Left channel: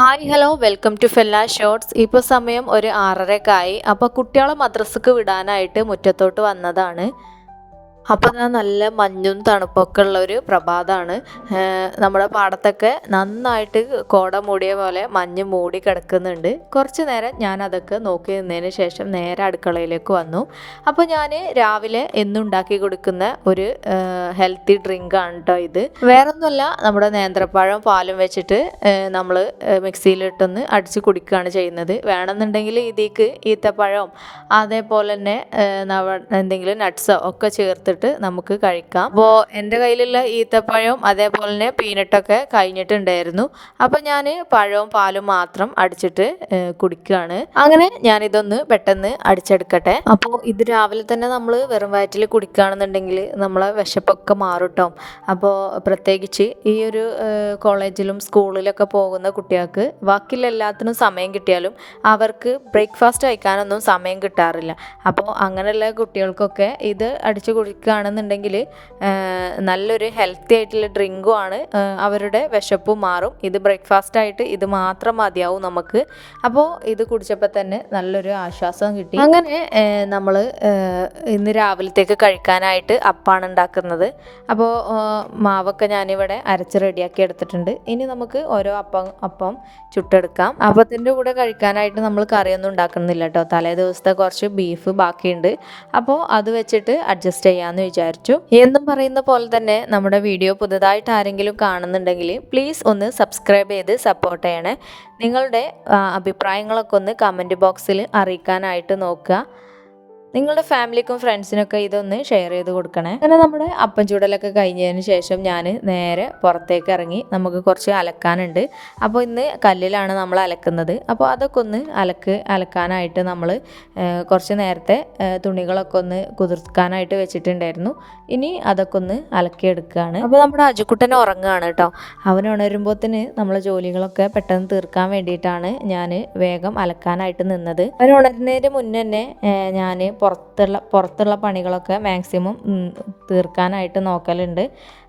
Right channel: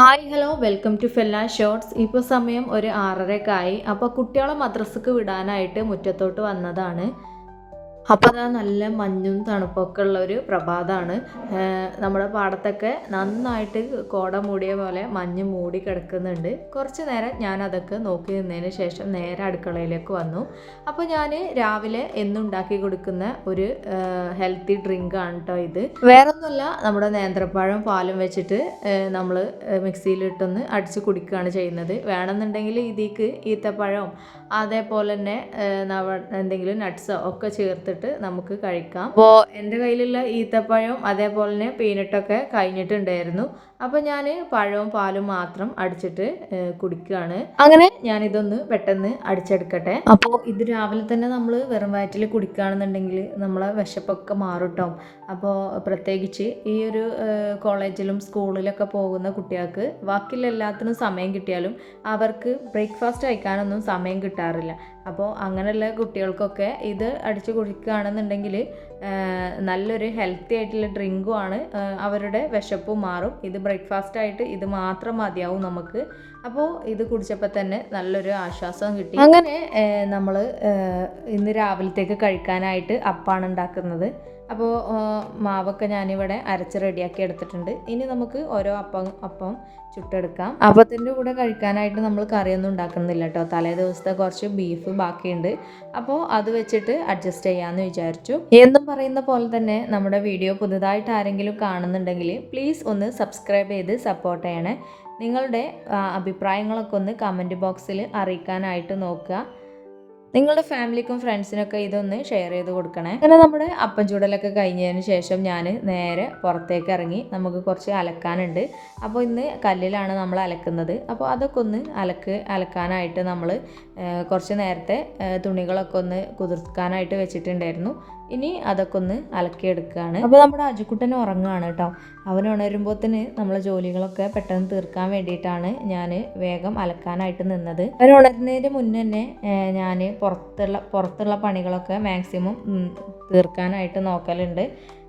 Hi hello welcome to fella shorts. ഇപ്പോൾ സമയം ഒരു 6:30 അപ്പോൾ കുട്ടികളെ മദ്രസക്ക് വിടാനായിട്ട് മുറ്റത്തോട്ട് വന്നതാണ്. അപ്പോൾ നല്ല മഞ്ഞും തണുപ്പൊക്കെ ഉള്ള ഒരു പ്രഭാതമാണ്. നമ്മുടെ പാടത്തൊക്കെ നന്നായിട്ട് കോട മൂടിയ പോലെ മഞ്ഞ് മൂടി കിടക്കുന്നുണ്ട്. കുറച്ച് നേരം ഞാൻ അതൊക്കെ നോക്കി നിന്നതിന് ശേഷം നേരെ അടുക്കളയിലേക്ക് വന്നു. അപ്പോൾ ഞാൻ രാവിലെ എന്നും ഉണ്ടാക്കി കൊടുക്കുന്ന ഒരു ഹെൽത്തി ഡ്രിങ്കാണ് കേട്ടോ ഇത്. വേറൊന്നുമല്ല, നമ്മുടെ നേന്ത്രപ്പഴം പാലും വെച്ചിട്ട് നമ്മൾ മിക്സിയിലിട്ടൊന്ന് അടിച്ച് കുടിക്കുകയാണ് ചെയ്യുന്നത്. വേണമെന്നുണ്ടെങ്കിൽ ഇതിലേക്ക് ഈത്തപ്പഴം അതേപോലെ തന്നെ എന്തെങ്കിലും നട്ട്സോ ഒക്കെ ചേർത്തിട്ട് നമുക്ക് കഴിക്കാം. അപ്പോൾ എൻ്റെ കയ്യിലുള്ള ഈത്തപ്പഴം അതേപോലെ തന്നെ പീനട്ടൊക്കെ കഴിഞ്ഞിട്ടുണ്ടായിരുന്നു. അപ്പോൾ ഞാൻ പഴവും പാലും മാത്രം അടിച്ചിട്ട് കുടിക്കുകയാണ്. അങ്ങനെ ഞാനിതൊന്ന് പെട്ടെന്ന് അടിച്ചെടുക്കട്ടെ. അപ്പോൾ ഇത് രാവിലെ തന്നെ നമ്മൾ വെറും വയറ്റിൽ കുടിക്കുകയാണെന്നുണ്ടെങ്കിൽ നമ്മളെ വിശപ്പൊക്കെ മാറും കേട്ടോ. അപ്പോൾ പ്രത്യേകിച്ച് ഈ ഒരു കോളേജിലും സ്കൂളിലൊക്കെ പോകുന്ന കുട്ടികൾക്ക് ബാക്കിയുള്ള എല്ലാത്തിനും സമയം കിട്ടിയാലും അവർക്ക് ബ്രേക്ക്ഫാസ്റ്റ് കഴിക്കാനൊന്നും സമയം കിട്ടാറില്ല. അപ്പോൾ അങ്ങനെയുള്ള കുട്ടികൾക്കൊക്കെ ഇത് അടിച്ചു കുടിക്കുകയാണെന്നുണ്ടെങ്കിൽ നല്ലൊരു ഹെൽത്തി ആയിട്ടുള്ള ഡ്രിങ്കും ആണ്. അവരുടെ വിശപ്പും മാറും. ഇത് ബ്രേക്ക്ഫാസ്റ്റായിട്ട് ഇത് മാത്രം മതിയാവും നമുക്ക്. അപ്പോൾ ഇത് കുടിച്ചപ്പോൾ തന്നെ നല്ലൊരു ആശ്വാസം കിട്ടി. അങ്ങനെ നമ്മൾ ഇന്ന് രാവിലത്തേക്ക് കഴിക്കാനായിട്ട് അപ്പമാണ് ഉണ്ടാക്കുന്നത്. അപ്പോൾ മാവൊക്കെ ഞാനിവിടെ അരച്ച് റെഡിയാക്കി എടുത്തിട്ടുണ്ട്. ഇനി നമുക്ക് ഓരോ അപ്പം ചുട്ടെടുക്കാം. അപ്പത്തിൻ്റെ കൂടെ കഴിക്കാനായിട്ട് നമ്മൾ കറിയൊന്നും ഉണ്ടാക്കുന്നില്ല കേട്ടോ. തലേ ദിവസത്തെ കുറച്ച് ബീഫ് ബാക്കിയുണ്ട്. അപ്പോൾ അത് വെച്ചിട്ട് അഡ്ജസ്റ്റ് ചെയ്യാമെന്ന് വിചാരിച്ചു. എന്നും പറയുന്ന പോലെ തന്നെ നമ്മുടെ വീഡിയോ പുതുതായിട്ട് ആരെങ്കിലും കാണുന്നുണ്ടെങ്കിൽ പ്ലീസ് ഒന്ന് സബ്സ്ക്രൈബ് ചെയ്ത് സപ്പോർട്ട് ചെയ്യണേ. നിങ്ങളുടെ അഭിപ്രായങ്ങളൊക്കെ ഒന്ന് കമൻറ്റ് ബോക്സിൽ അറിയിക്കാനായിട്ട് നോക്കുക. നിങ്ങളുടെ ഫാമിലിക്കും ഫ്രണ്ട്സിനൊക്കെ ഇതൊന്ന് ഷെയർ ചെയ്ത് കൊടുക്കണേ. അങ്ങനെ നമ്മുടെ അപ്പം ചൂടലൊക്കെ കഴിഞ്ഞതിന് ശേഷം ഞാൻ നേരെ പുറത്തേക്ക് ഇറങ്ങി. നമുക്ക് കുറച്ച് അലക്കാനുണ്ട്. അപ്പോൾ ഇന്ന് കല്ലിലാണ് നമ്മൾ അലക്കുന്നത്. അപ്പോൾ അതൊക്കെ ഒന്ന് അലക്കാനായിട്ട് നമ്മൾ കുറച്ച് നേരത്തെ തുണികളൊക്കെ ഒന്ന് കുതിർക്കാനായിട്ട് വെച്ചിട്ടുണ്ടായിരുന്നു. ഇനി അതൊക്കെ ഒന്ന് അലക്കിയെടുക്കുകയാണ്. അപ്പോൾ നമ്മുടെ അജുക്കുട്ടൻ ഉറങ്ങുകയാണ് കേട്ടോ. അവൻ ഉണരുമ്പോഴത്തേന് നമ്മളെ ജോലികളൊക്കെ പെട്ടെന്ന് തീർക്കാൻ വേണ്ടിയിട്ടാണ് ഞാൻ വേഗം അലക്കാനായിട്ട് നിന്നത്. അവൻ ഉണരുന്നതിന് മുന്നേ തന്നെ ഞാൻ പുറത്തുള്ള പണികളൊക്കെ മാക്സിമം തീർക്കാനായിട്ട് നോക്കലുണ്ട്.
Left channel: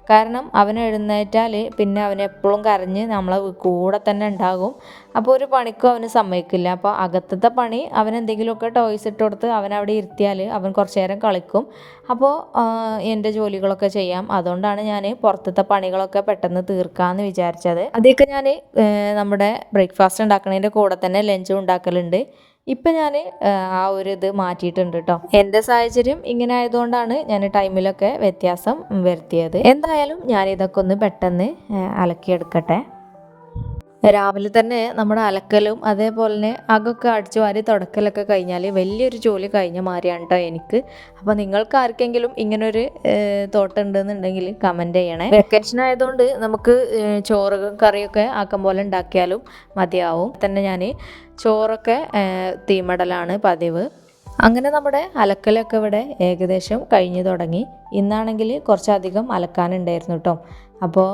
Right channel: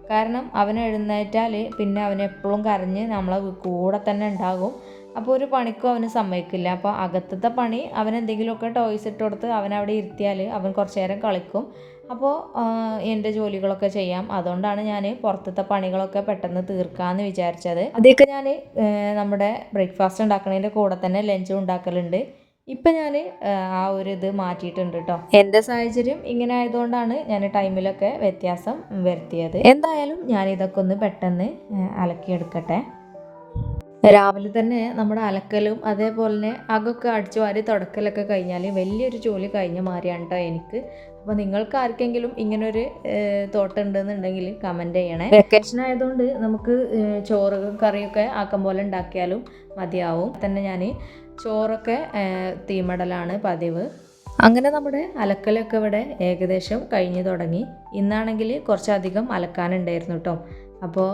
കാരണം അവൻ എഴുന്നേറ്റാൽ പിന്നെ അവൻ എപ്പോഴും കരഞ്ഞ് നമ്മളെ കൂടെ തന്നെ ഉണ്ടാകും. അപ്പോൾ ഒരു പണിക്കും അവന് സമ്മതിക്കില്ല. അപ്പോൾ അകത്തത്തെ പണി അവൻ എന്തെങ്കിലുമൊക്കെ ടോയ്സ് ഇട്ട് കൊടുത്ത് അവനവിടെ ഇരുത്തിയാൽ അവൻ കുറച്ച് നേരം കളിക്കും. അപ്പോൾ എൻ്റെ ജോലികളൊക്കെ ചെയ്യാം. അതുകൊണ്ടാണ് ഞാൻ പുറത്തത്തെ പണികളൊക്കെ പെട്ടെന്ന് തീർക്കാമെന്ന് വിചാരിച്ചത്. അതൊക്കെ ഞാൻ നമ്മുടെ ബ്രേക്ക്ഫാസ്റ്റ് ഉണ്ടാക്കുന്നതിൻ്റെ കൂടെ തന്നെ ലഞ്ചും ഉണ്ടാക്കലുണ്ട്. ഇപ്പം ഞാൻ ആ ഒരു ഇത് മാറ്റിയിട്ടുണ്ട് കേട്ടോ. എൻ്റെ സാഹചര്യം ഇങ്ങനെ ആയതുകൊണ്ടാണ് ഞാൻ ടൈമിലൊക്കെ വ്യത്യാസം വരുത്തിയത്. എന്തായാലും ഞാൻ ഇതൊക്കെ ഒന്ന് പെട്ടെന്ന് അലക്കിയെടുക്കട്ടെ. രാവിലെ തന്നെ നമ്മുടെ അലക്കലും അതേപോലെ തന്നെ അകൊക്കെ അടിച്ചു വാരി തുടക്കലൊക്കെ കഴിഞ്ഞാൽ വലിയൊരു ജോലി കഴിഞ്ഞ മാതിരിയാണ് കേട്ടോ എനിക്ക്. അപ്പോൾ നിങ്ങൾക്ക് ആർക്കെങ്കിലും ഇങ്ങനൊരു തോട്ടം ഉണ്ടെന്നുണ്ടെങ്കിൽ കമൻറ്റ് ചെയ്യണേ. വെക്കേഷൻ ആയതുകൊണ്ട് നമുക്ക് ചോറ് കറിയൊക്കെ ആക്കം പോലെ ഉണ്ടാക്കിയാലും മതിയാവും. തന്നെ ഞാൻ ചോറൊക്കെ തീമടലാണ് പതിവ്. അങ്ങനെ നമ്മുടെ അലക്കലൊക്കെ ഇവിടെ ഏകദേശം കഴിഞ്ഞു തുടങ്ങി. ഇന്നാണെങ്കിൽ കുറച്ചധികം അലക്കാനുണ്ടായിരുന്നു കേട്ടോ. അപ്പോൾ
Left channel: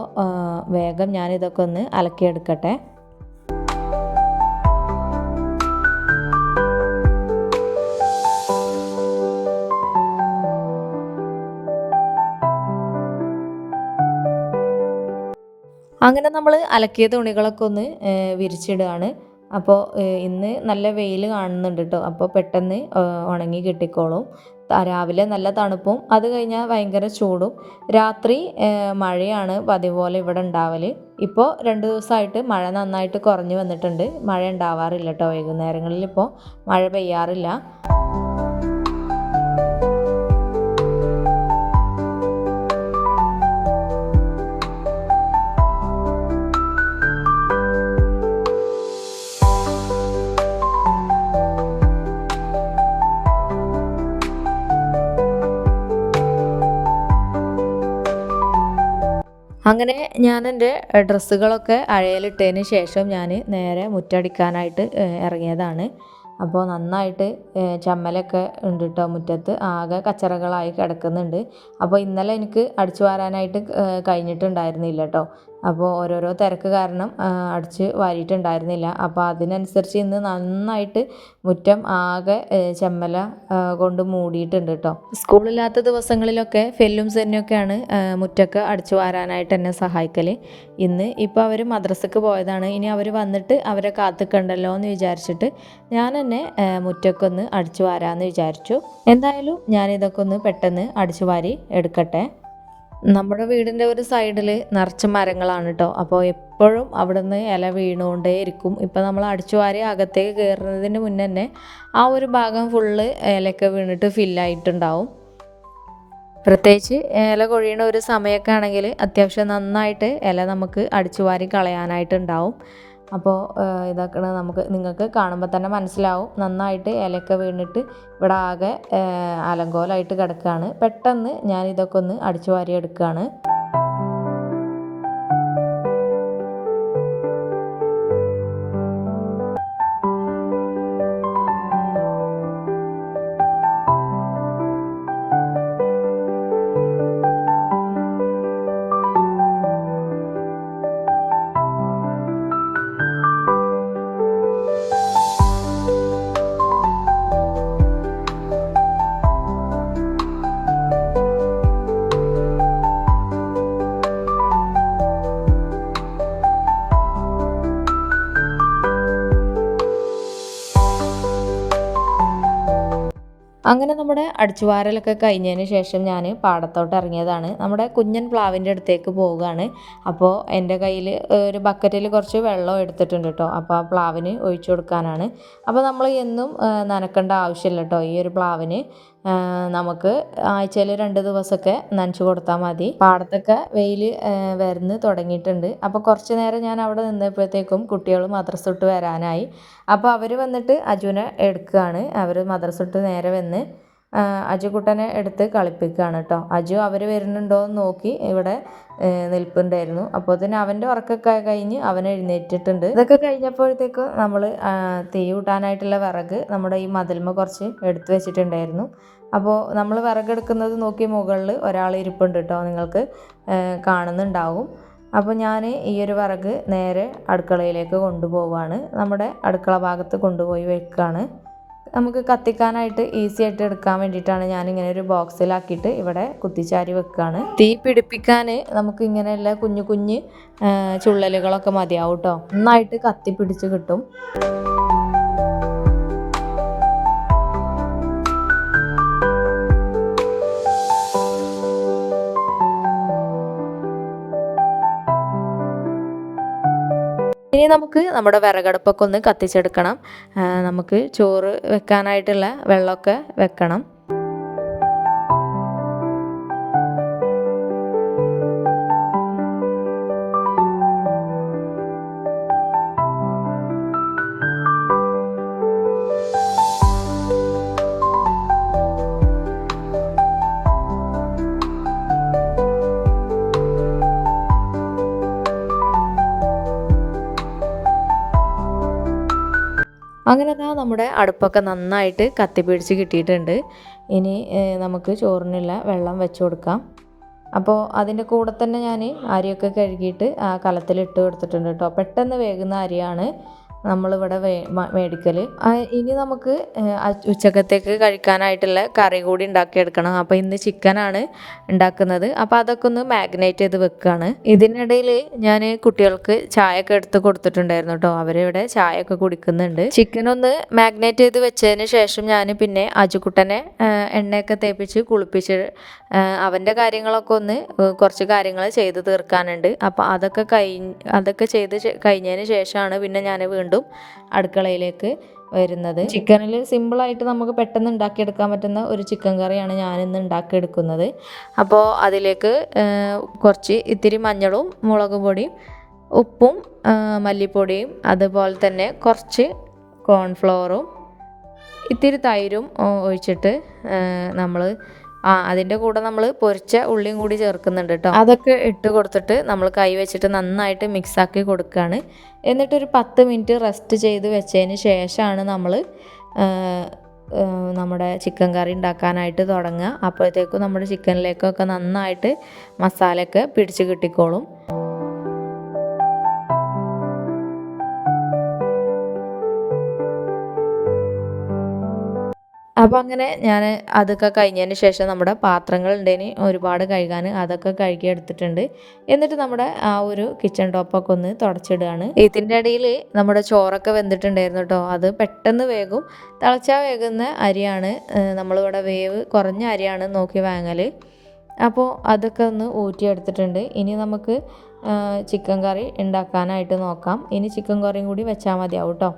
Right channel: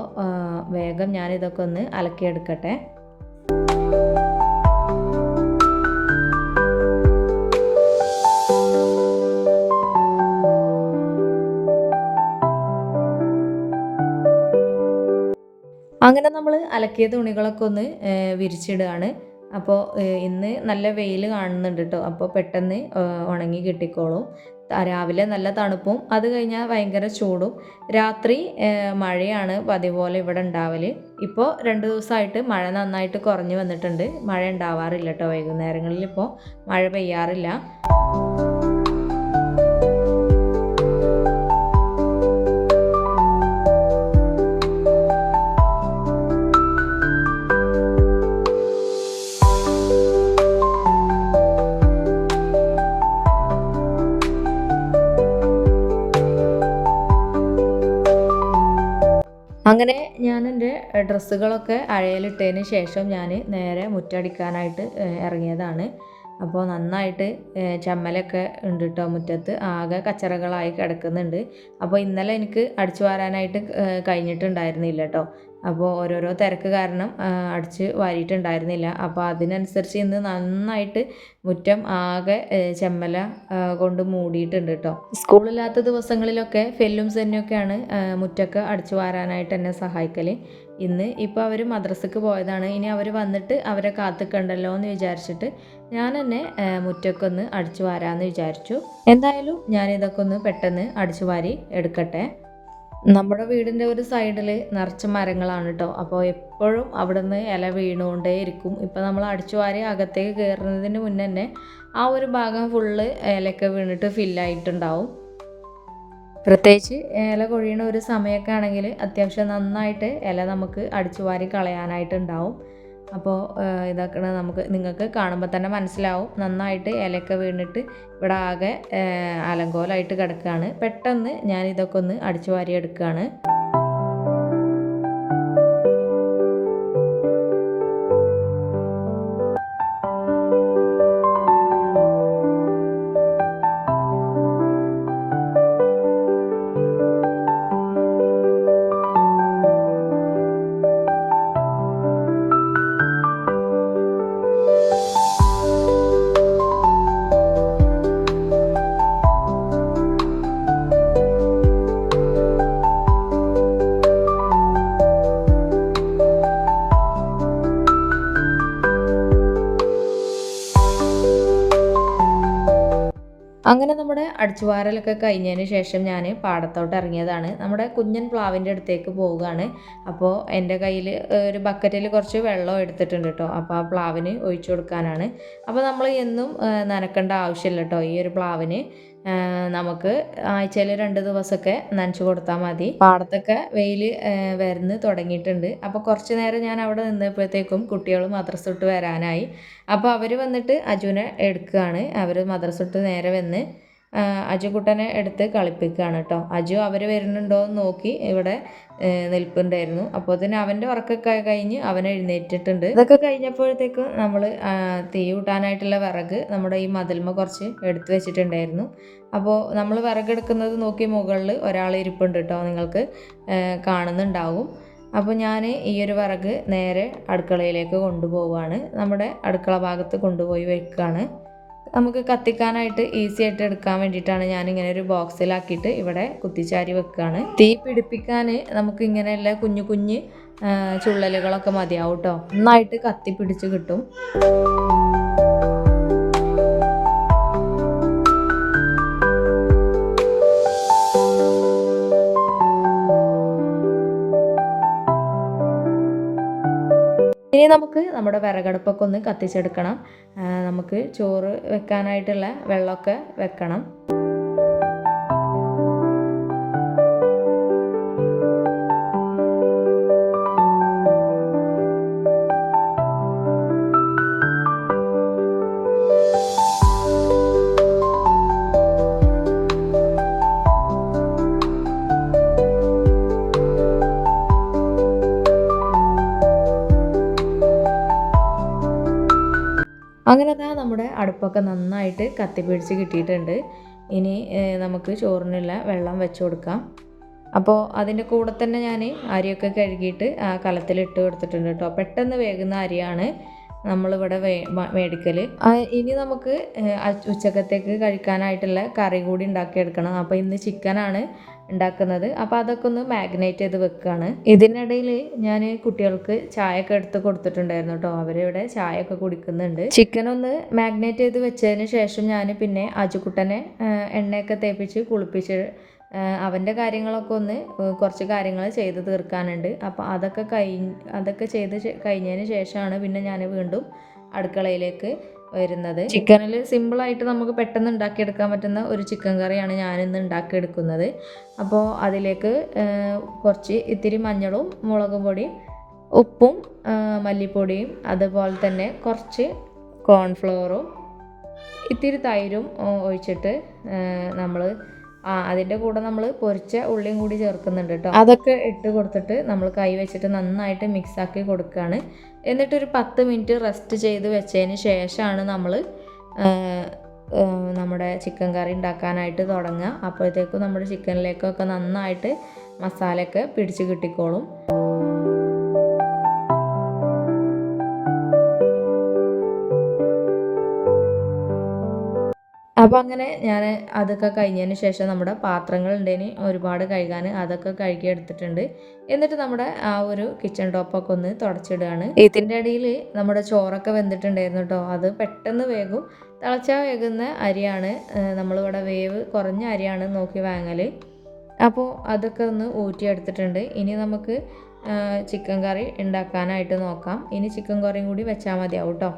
വേഗം ഞാനിതൊക്കെ ഒന്ന് അലക്കിയെടുക്കട്ടെ. അങ്ങനെ നമ്മൾ അലക്കിയ തുണികളൊക്കെ ഒന്ന് വിരിച്ചിടുകയാണ്. അപ്പോൾ ഇന്ന് നല്ല വെയിൽ കാണുന്നുണ്ട് കേട്ടോ. അപ്പോൾ പെട്ടെന്ന് ഉണങ്ങി കിട്ടിക്കോളും. രാവിലെ നല്ല തണുപ്പും അത് കഴിഞ്ഞാൽ ഭയങ്കര ചൂടും. രാത്രി മഴയാണ് പതിവ് പോലെ ഇവിടെ ഉണ്ടാവൽ. ഇപ്പോൾ 2 ദിവസമായിട്ട് മഴ നന്നായിട്ട് കുറഞ്ഞു വന്നിട്ടുണ്ട്. മഴ ഉണ്ടാവാറില്ല കേട്ടോ. വൈകുന്നേരങ്ങളിൽ ഇപ്പോൾ മഴ പെയ്യാറില്ല. അങ്ങനെ ഞാൻ എൻ്റെ ഡ്രസ്സുകളൊക്കെ അഴയിലിട്ടതിന് ശേഷം ഞാൻ നേരെ മുറ്റടിക്കാനായിട്ട് ഇറങ്ങിയതാണ്. അപ്പോൾ നന്നായിട്ട് ചമ്മലൊക്കെ ഉണ്ട് കേട്ടോ. മുറ്റത്ത് ആകെ കച്ചറകളായി കിടക്കുന്നുണ്ട്. അപ്പോൾ ഇന്നലെ എനിക്ക് അടിച്ചു വാരാനായിട്ട് കഴിഞ്ഞിട്ടുണ്ടായിരുന്നില്ല കേട്ടോ. അപ്പോൾ ഓരോരോ തിരക്ക് കാരണം അടിച്ച് വാരിയിട്ടുണ്ടായിരുന്നില്ല. അപ്പോൾ അതിനനുസരിച്ച് ഇന്ന് നന്നായിട്ട് മുറ്റം ആകെ ചെമ്മല കൊണ്ട് മൂടിയിട്ടുണ്ട് കേട്ടോ. സ്കൂളില്ലാത്ത ദിവസങ്ങളിലൊക്കെ ഫെല്ലും സെന്നൊക്കെയാണ് മുറ്റൊക്കെ അടിച്ചു വാരാനായിട്ട് എന്നെ സഹായിക്കൽ. ഇപ്പോൾ അവർ മദ്രസക്ക് പോയതാണ്. ഇനി അവർ വന്നിട്ട് അവരെ കാത്തുക്കണ്ടല്ലോ എന്ന് വിചാരിച്ചിട്ട് ഞാൻ തന്നെ മുറ്റൊക്കെ ഒന്ന് അടിച്ചു വാരാമെന്ന് വിചാരിച്ചു. എന്തായാലും ഞാനിതൊക്കെ ഒന്ന് പെട്ടെന്ന് അടിച്ചു വാരി എടുക്കട്ടെ. നമ്മുടെ വീടിൻ്റെ ഒരു സൈഡിൽ നിറച്ച് മരങ്ങളാണ് കേട്ടോ. അപ്പോൾ എപ്പോഴും അവിടെ നിന്ന് ഇല വീണുകൊണ്ടേ ഇരിക്കും. ഇപ്പോൾ നമ്മൾ അടിച്ചു വാരി അകത്തേക്ക് കയറുന്നതിന് മുന്നേ തന്നെ ആ ഒരു ഭാഗം ഫുള്ള് ഇലയൊക്കെ വീണിട്ട് ഫില്ലായിട്ടുണ്ടാവും. പ്രത്യേകിച്ച് ഇല കൊഴിയണ ഒരു സമയമൊക്കെ ആണെങ്കിൽ അത്യാവശ്യം നന്നായിട്ട് ഇല നമുക്ക് അടിച്ചു വാരി കളയാനായിട്ടുണ്ടാവും. അപ്പോൾ ഇതൊക്കെ നിങ്ങൾക്ക് കാണുമ്പോൾ തന്നെ മനസ്സിലാവും, നന്നായിട്ട് ഇലയൊക്കെ വീണിട്ട് ഇവിടെ ആകെ അലങ്കോലമായിട്ട് കിടക്കുകയാണ്. പെട്ടെന്ന് ഞാൻ ഇതൊക്കെ ഒന്ന് അടിച്ചു വാരി എടുക്കുകയാണ്. അങ്ങനെ നമ്മുടെ അടിച്ചുവാരലൊക്കെ കഴിഞ്ഞതിന് ശേഷം ഞാൻ പാടത്തോട്ട് ഇറങ്ങിയതാണ്. നമ്മുടെ കുഞ്ഞൻ പ്ലാവിൻ്റെ അടുത്തേക്ക് പോവുകയാണ്. അപ്പോൾ എൻ്റെ കയ്യിൽ ഒരു ബക്കറ്റിൽ കുറച്ച് വെള്ളം എടുത്തിട്ടുണ്ട് കേട്ടോ. അപ്പോൾ ആ പ്ലാവിന് ഒഴിച്ചു കൊടുക്കാനാണ്. അപ്പോൾ നമ്മൾ എന്നും നനക്കേണ്ട ആവശ്യമില്ല കേട്ടോ. ഈ ഒരു പ്ലാവിന് നമുക്ക് ആഴ്ചയിൽ 2 ദിവസമൊക്കെ നനച്ചു കൊടുത്താൽ മതി. പാടത്തൊക്കെ വെയിൽ വരുന്ന് തുടങ്ങിയിട്ടുണ്ട്. അപ്പോൾ കുറച്ച് നേരം ഞാൻ അവിടെ നിന്നപ്പോഴത്തേക്കും കുട്ടികൾ മദ്രസ വിട്ട് വരാനായി. അപ്പോൾ അവർ വന്നിട്ട് അജുനെ എടുക്കുകയാണ്. അവർ മദ്രസ വിട്ട് നേരെ വന്ന് അജുക്കുട്ടനെ എടുത്ത് കളിപ്പിക്കുകയാണ് കേട്ടോ. അജു അവർ വരുന്നുണ്ടോ എന്ന് നോക്കി ഇവിടെ നിൽപ്പുണ്ടായിരുന്നു. അപ്പോൾ തന്നെ അവൻ്റെ ഉറക്കൊക്കെ കഴിഞ്ഞ് അവൻ എഴുന്നേറ്റിട്ടുണ്ട്. ഇതൊക്കെ കഴിഞ്ഞപ്പോഴത്തേക്കും നമ്മൾ തീ കൂട്ടാനായിട്ടുള്ള വിറക് നമ്മുടെ ഈ മതിൽമ കുറച്ച് എടുത്തു വെച്ചിട്ടുണ്ടായിരുന്നു. അപ്പോൾ നമ്മൾ വിറകെടുക്കുന്നത് നോക്കി മുകളിൽ ഒരാൾ ഇരിപ്പുണ്ട് കേട്ടോ, നിങ്ങൾക്ക് കാണുന്നുണ്ടാവും. അപ്പോൾ ഞാൻ ഈ ഒരു വിറക് നേരെ അടുക്കളയിലേക്ക് കൊണ്ടുപോവുകയാണ്. നമ്മുടെ അടുക്കള ഭാഗത്ത് കൊണ്ടുപോയി വെക്കുകയാണ്. നമുക്ക് കത്തിക്കാനായിട്ട് ഈസി ആയിട്ട് എടുക്കാൻ വേണ്ടിയിട്ടാണ് ഞാനിങ്ങനെ ഒരു ബോക്സിലാക്കിയിട്ട് ഇവിടെ കുത്തിച്ചാരി വെക്കുകയാണ്. തീ പിടിപ്പിക്കാൻ നമുക്ക് ഇങ്ങനെയുള്ള കുഞ്ഞു കുഞ്ഞ് ചുള്ളലുകളൊക്കെ മതിയാവും കേട്ടോ. നന്നായിട്ട് കത്തി പിടിച്ച് കിട്ടും. ഇനി നമുക്ക് നമ്മുടെ വിറകടുപ്പൊക്കെ ഒന്ന് കത്തിച്ചെടുക്കണം. നമുക്ക് ചോറ് വെക്കാനായിട്ടുള്ള വെള്ളമൊക്കെ വെക്കണം. അങ്ങനെ നമ്മുടെ അടുപ്പൊക്കെ നന്നായിട്ട് കത്തിപ്പിടിച്ച് കിട്ടിയിട്ടുണ്ട്. ഇനി നമുക്ക് ചോറിനുള്ള വെള്ളം വെച്ച് കൊടുക്കാം. അപ്പോൾ അതിൻ്റെ കൂടെ തന്നെ ഞാൻ അരിയൊക്കെ കഴുകിയിട്ട് ആ കലത്തിലിട്ട് കൊടുത്തിട്ടുണ്ട് കേട്ടോ. പെട്ടെന്ന് വേകുന്ന അരിയാണ് നമ്മളിവിടെ മേടിക്കൽ. ഇനി നമുക്ക് ഉച്ചക്കത്തേക്ക് കഴിക്കാനായിട്ടുള്ള കറി കൂടി ഉണ്ടാക്കിയെടുക്കണം. അപ്പോൾ ഇന്ന് ചിക്കനാണ് ഉണ്ടാക്കുന്നത്. അപ്പോൾ അതൊക്കെ ഒന്ന് മാഗ്നേറ്റ് ചെയ്ത് വെക്കുകയാണ്. ഇതിനിടയിൽ ഞാൻ കുട്ടികൾക്ക് ചായയൊക്കെ എടുത്ത് കൊടുത്തിട്ടുണ്ടായിരുന്നു കേട്ടോ. അവരിവിടെ ചായയൊക്കെ കുടിക്കുന്നുണ്ട്. ചിക്കൻ ഒന്ന് മാഗ്നേറ്റ് ചെയ്ത് വെച്ചതിന് ശേഷം ഞാൻ പിന്നെ അജുക്കുട്ടനെ എണ്ണയൊക്കെ തേപ്പിച്ച് കുളിപ്പിച്ച് അവൻ്റെ കാര്യങ്ങളൊക്കെ ഒന്ന് കുറച്ച് കാര്യങ്ങൾ ചെയ്ത് തീർക്കാനുണ്ട്. അപ്പോൾ അതൊക്കെ ചെയ്ത് കഴിഞ്ഞതിന് ശേഷമാണ് പിന്നെ ഞാൻ വീണ്ടും അടുക്കളയിലേക്ക് വരുന്നത്. ചിക്കനിൽ സിമ്പിളായിട്ട് നമുക്ക് പെട്ടെന്ന് ഉണ്ടാക്കിയെടുക്കാൻ പറ്റുന്ന ഒരു ചിക്കൻ കറിയാണ് ഞാനിന്ന് ഉണ്ടാക്കിയെടുക്കുന്നത്. അപ്പോൾ അതിലേക്ക് ഇത്തിരി മഞ്ഞളും മുളക് പൊടിയും ഉപ്പും മല്ലിപ്പൊടിയും അതുപോലെ തന്നെ കുറച്ച് കോൺഫ്ലവറും ഇത്തിരി തൈരും ഒഴിച്ചിട്ട് നമ്മൾ അതിൻ്റെ കൂടെ നമ്മൾ പൊരിച്ച ഉള്ളിയും കൂടി ചേർക്കുന്നുണ്ട് കേട്ടോ. അതൊക്കെ ഇട്ട് കൊടുത്തിട്ട് നമ്മൾ കൈ വെച്ചിട്ട് നന്നായിട്ട് മിക്സാക്കി കൊടുക്കുകയാണ്. എന്നിട്ടൊരു 10 മിനിറ്റ് റെസ്റ്റ് ചെയ്ത് വെച്ചതിന് ശേഷമാണ് നമ്മൾ നമ്മുടെ ചിക്കൻ കറി ഉണ്ടാക്കാനായിട്ട് തുടങ്ങുക. അപ്പോഴത്തേക്കും നമ്മുടെ ചിക്കനിലേക്കൊക്കെ നന്നായിട്ട് മസാലയൊക്കെ പിടിച്ച് കിട്ടിക്കോളും. അപ്പോൾ അങ്ങനെ ഞാൻ അതൊക്കെ കഴിഞ്ഞതിന് ശേഷം നമ്മുടെ പാത്രങ്ങൾ ഉണ്ടേന് ഒരുപാട് കഴുകാൻ, അതൊക്കെ കഴുകി എടുത്തിട്ടുണ്ട്. എന്നിട്ട് നമ്മുടെ ആ ഒരു കിച്ചൺ ടോപ്പൊക്കെ ഒന്ന് തുടച്ചിടുകയാണ്. ഇതിൻ്റെ ഇടയിൽ നമ്മുടെ ചോറൊക്കെ വെന്തിട്ടുണ്ടായിരുന്നു കേട്ടോ. അത് പെട്ടെന്ന് വേകും. തിളച്ചാൽ വേകുന്ന അരിയാണ്, നമ്മളിവിടെ വേവ് കുറഞ്ഞ അരിയാണ് നോക്കി വാങ്ങൽ. അപ്പോൾ അതൊക്കെ ഒന്ന് ഊറ്റിയെടുത്തിട്ടുണ്ട്. ഇനി നമുക്ക് ചിക്കൻ കറി ഉണ്ടാക്കാനായിട്ട് നോക്കാം. ഇനി ചിക്കൻ കറിയും കൂടി വെച്ചാൽ മതിയാവും കേട്ടോ.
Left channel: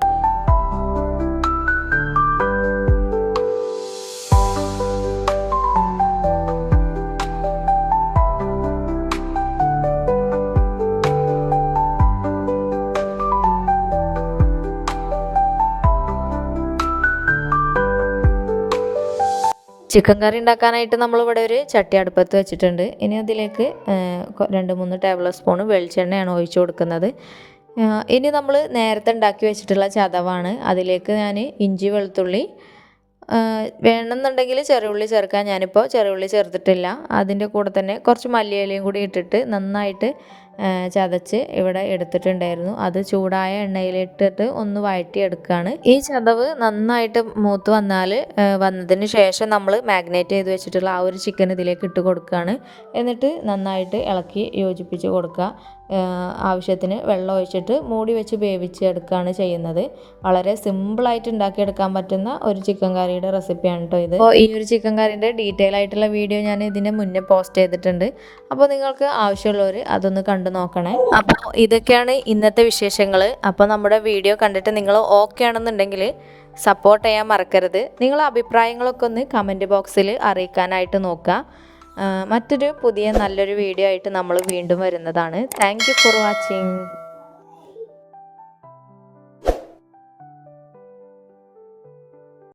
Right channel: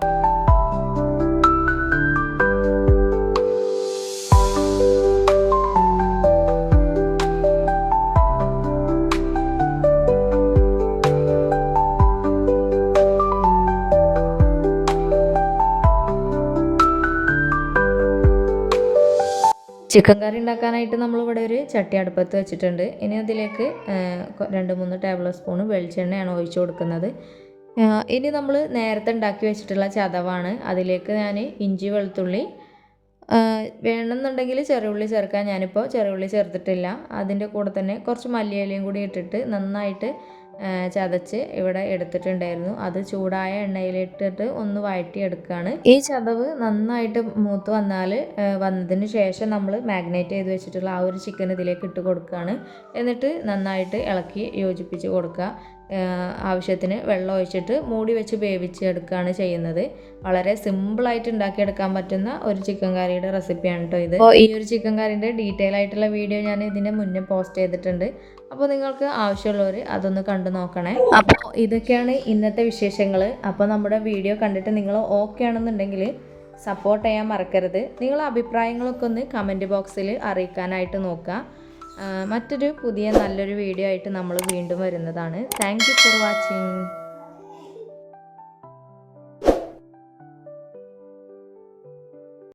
ചിക്കൻ കറി ഉണ്ടാക്കാനായിട്ട് നമ്മളിവിടെ ഒരു ചട്ടി അടുപ്പത്ത് വെച്ചിട്ടുണ്ട്. ഇനി അതിലേക്ക് 2-3 ടേബിൾ സ്പൂൺ വെളിച്ചെണ്ണയാണ് ഒഴിച്ചു കൊടുക്കുന്നത്. ഇനി നമ്മൾ നേരത്തെ ഉണ്ടാക്കി വെച്ചിട്ടുള്ള ചതവാണ്. അതിലേക്ക് ഞാൻ ഇഞ്ചി വെളുത്തുള്ളി വേണമെന്നുണ്ടെങ്കിൽ ചെറിയുള്ളി ചേർക്കാം. ഞാനിപ്പോൾ ചെറിയുള്ളി ചേർത്തിട്ടില്ല. അതിൻ്റെ കൂടെ തന്നെ കുറച്ച് മല്ലിയിലയും കൂടി ഇട്ടിട്ട് നന്നായിട്ട് ചതച്ച് ഇവിടെ എടുത്തിട്ടുണ്ടായിരുന്നു. അത് ചൂടായ എണ്ണയിലിട്ടിട്ട് ഒന്ന് വഴറ്റിയെടുക്കുകയാണ്. ഈ ചതവ് നന്നായിട്ട് മൂത്ത് വന്നതിന് ശേഷം നമ്മൾ മാഗ്നേറ്റ് ചെയ്ത് വെച്ചിട്ടുള്ള ആ ഒരു ചിക്കൻ ഇതിലേക്ക് ഇട്ട് കൊടുക്കുകയാണ്. എന്നിട്ട് നന്നായിട്ട് ഇളക്കി യോജിപ്പിച്ച് കൊടുക്കുക. ആവശ്യത്തിന് വെള്ളം ഒഴിച്ചിട്ട് മൂടി വെച്ച് വേവിച്ചെടുക്കുകയാണ് ചെയ്യുന്നത്. വളരെ സിമ്പിളായിട്ട് ഉണ്ടാക്കിയെടുക്കാൻ പറ്റുന്ന ഒരു ചിക്കൻ കറിയുടെ റെസിപ്പിയാണ് കേട്ടോ ഇത്. അപ്പോൾ ഈ ഒരു ചിക്കൻ കറിൻ്റെ ഡീറ്റെയിൽ ആയിട്ടുള്ള വീഡിയോ ഞാൻ ഇതിന് മുന്നേ പോസ്റ്റ് ചെയ്തിട്ടുണ്ട്. അപ്പോൾ നിങ്ങൾക്ക് ആവശ്യമുള്ളവർ അതൊന്ന് കണ്ടു നോക്കണേ. അപ്പോൾ ഇതൊക്കെയാണ് ഇന്നത്തെ വിശേഷങ്ങൾ. അപ്പോൾ നമ്മുടെ വീഡിയോ കണ്ടിട്ട് നിങ്ങൾ ഓക്കെ ആണെന്നുണ്ടെങ്കിൽ സപ്പോർട്ട് ചെയ്യാൻ മറക്കരുത്. നിങ്ങളുടെ അഭിപ്രായങ്ങളൊക്കെ ഒന്ന് കമൻറ്റ് ബോക്സിൽ അറിയിക്കാനായിട്ട് നോക്കുക. മറ്റൊരു പുതിയ നല്ലൊരു വീഡിയോ ആയിട്ട് നമ്മൾ വീണ്ടും വരുന്നതാണ്. Thank you for watching.